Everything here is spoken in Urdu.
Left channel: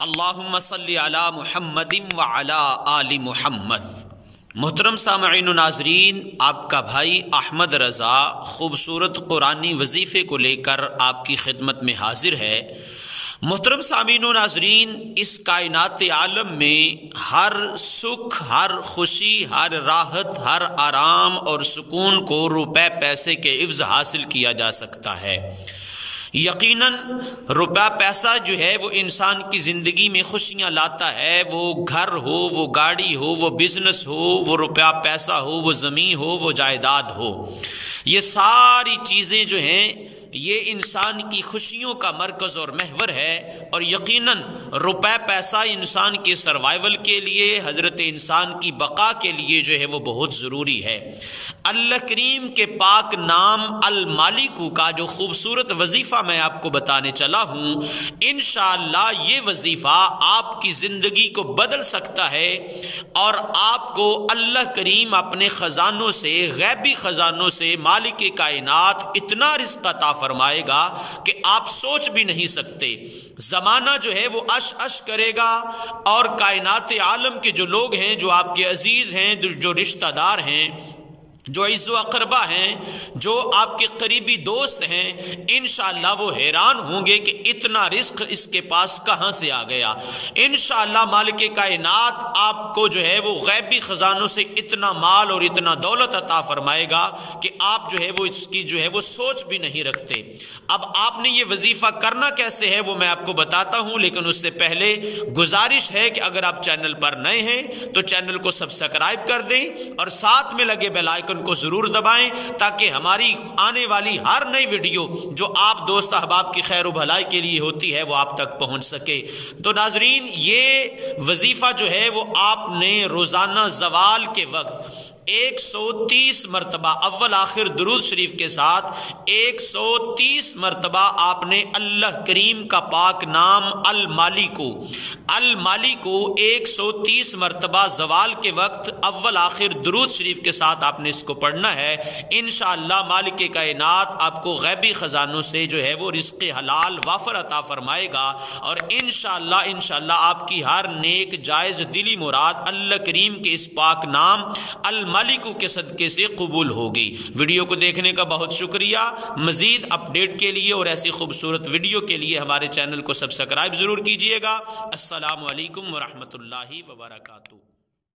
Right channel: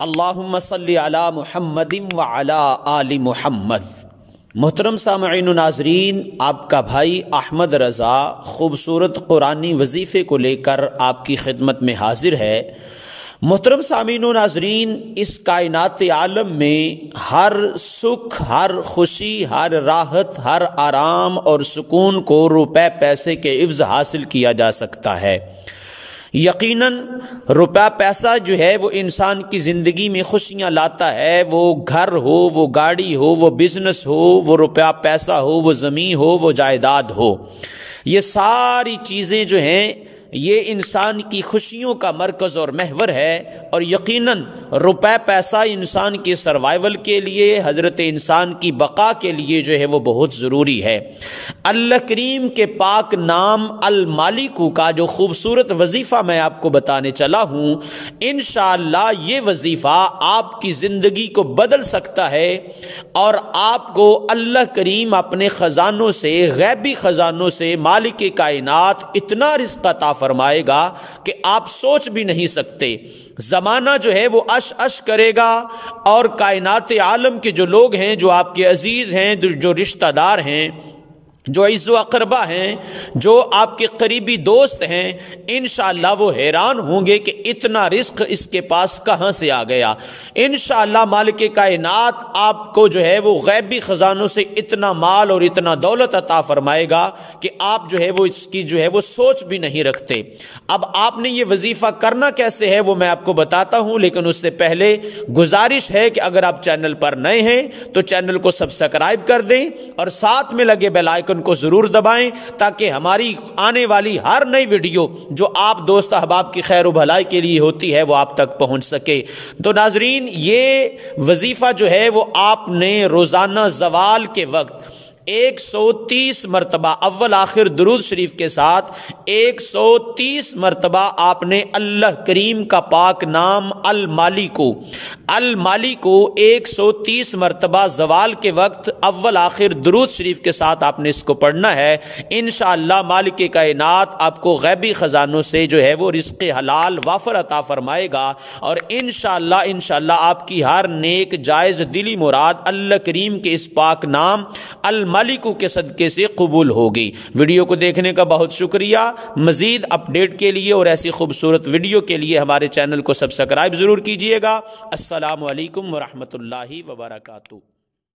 اللہم صلی علی محمد وعلی آل محمد۔ محترم سامعین و ناظرین، آپ کا بھائی احمد رضا خوبصورت قرآنی وظیفے کو لے کر آپ کی خدمت میں حاضر ہے۔ محترم سامعین و ناظرین، اس کائنات عالم میں ہر سکھ، ہر خوشی، ہر راحت، ہر آرام اور سکون کو روپے پیسے کے عوض حاصل کیا جا سکتا ہے۔ یقیناً روپیہ پیسہ جو ہے وہ انسان کی زندگی میں خوشیاں لاتا ہے، وہ گھر ہو، وہ گاڑی ہو، وہ بزنس ہو، وہ روپیہ پیسہ ہو، وہ زمین ہو، وہ جائیداد ہو، یہ ساری چیزیں جو ہیں یہ انسان کی خوشیوں کا مرکز اور محور ہے۔ اور یقیناً روپے پیسہ انسان کے سروائیول کے لیے، حضرت انسان کی بقا کے لیے جو ہے وہ بہت ضروری ہے۔ اللہ کریم کے پاک نام المالک کا جو خوبصورت وظیفہ میں آپ کو بتانے چلا ہوں، انشاءاللہ یہ وظیفہ آپ کی زندگی کو بدل سکتا ہے اور آپ کو اللہ کریم اپنے خزانوں سے، غیبی خزانوں سے مالک کائنات اتنا رزق عطا فرمائے گا کہ آپ سوچ بھی نہیں سکتے۔ زمانہ جو ہے وہ اش کرے گا اور کائنات عالم کے جو لوگ ہیں، جو آپ کے عزیز ہیں، جو رشتہ دار ہیں، جو عز و اقربا ہیں، جو آپ کے قریبی دوست ہیں، انشاءاللہ وہ حیران ہوں گے کہ اتنا رزق اس کے پاس کہاں سے آ گیا۔ انشاءاللہ مالک کائنات آپ کو جو ہے وہ غیبی خزانوں سے اتنا مال اور اتنا دولت عطا فرمائے گا کہ آپ جو ہے وہ اس کی جو ہے وہ سوچ بھی نہیں رکھتے۔ اب آپ نے یہ وظیفہ کرنا کیسے ہے وہ میں آپ کو بتاتا ہوں، لیکن اس سے پہلے گزارش ہے کہ اگر آپ چینل پر نئے ہیں تو چینل کو سبسکرائب کر دیں اور ساتھ میں لگے بیل آئیکن کو ضرور دبائیں تاکہ ہماری آنے والی ہر نئی ویڈیو جو آپ دوست احباب کی خیر و بھلائی کے لیے ہوتی ہے وہ آپ تک پہنچ سکے۔ تو ناظرین، یہ وظیفہ جو ہے وہ آپ نے روزانہ زوال کے وقت 130 مرتبہ اول آخر درود شریف کے ساتھ 130 مرتبہ آپ نے اللہ کریم کا پاک نام المالک 130 مرتبہ زوال کے وقت اول آخر درود شریف کے ساتھ آپ نے اس کو پڑھنا ہے۔ انشاءاللہ مالک کائنات آپ کو غیبی خزانوں سے جو ہے وہ رزق حلال وافر عطا فرمائے گا اور انشاءاللہ آپ کی ہر نیک جائز دلی مراد اللہ کریم کے اس پاک نام المالک کے صدقے سے قبول ہوگی۔ ویڈیو کو دیکھنے کا بہت شکریہ۔ مزید اپڈیٹ کے لیے اور ایسی خوبصورت ویڈیو کے لیے ہمارے چینل کو سبسکرائب ضرور کیجئے گا۔ السلام علیکم ورحمۃ اللہ وبرکاتہ۔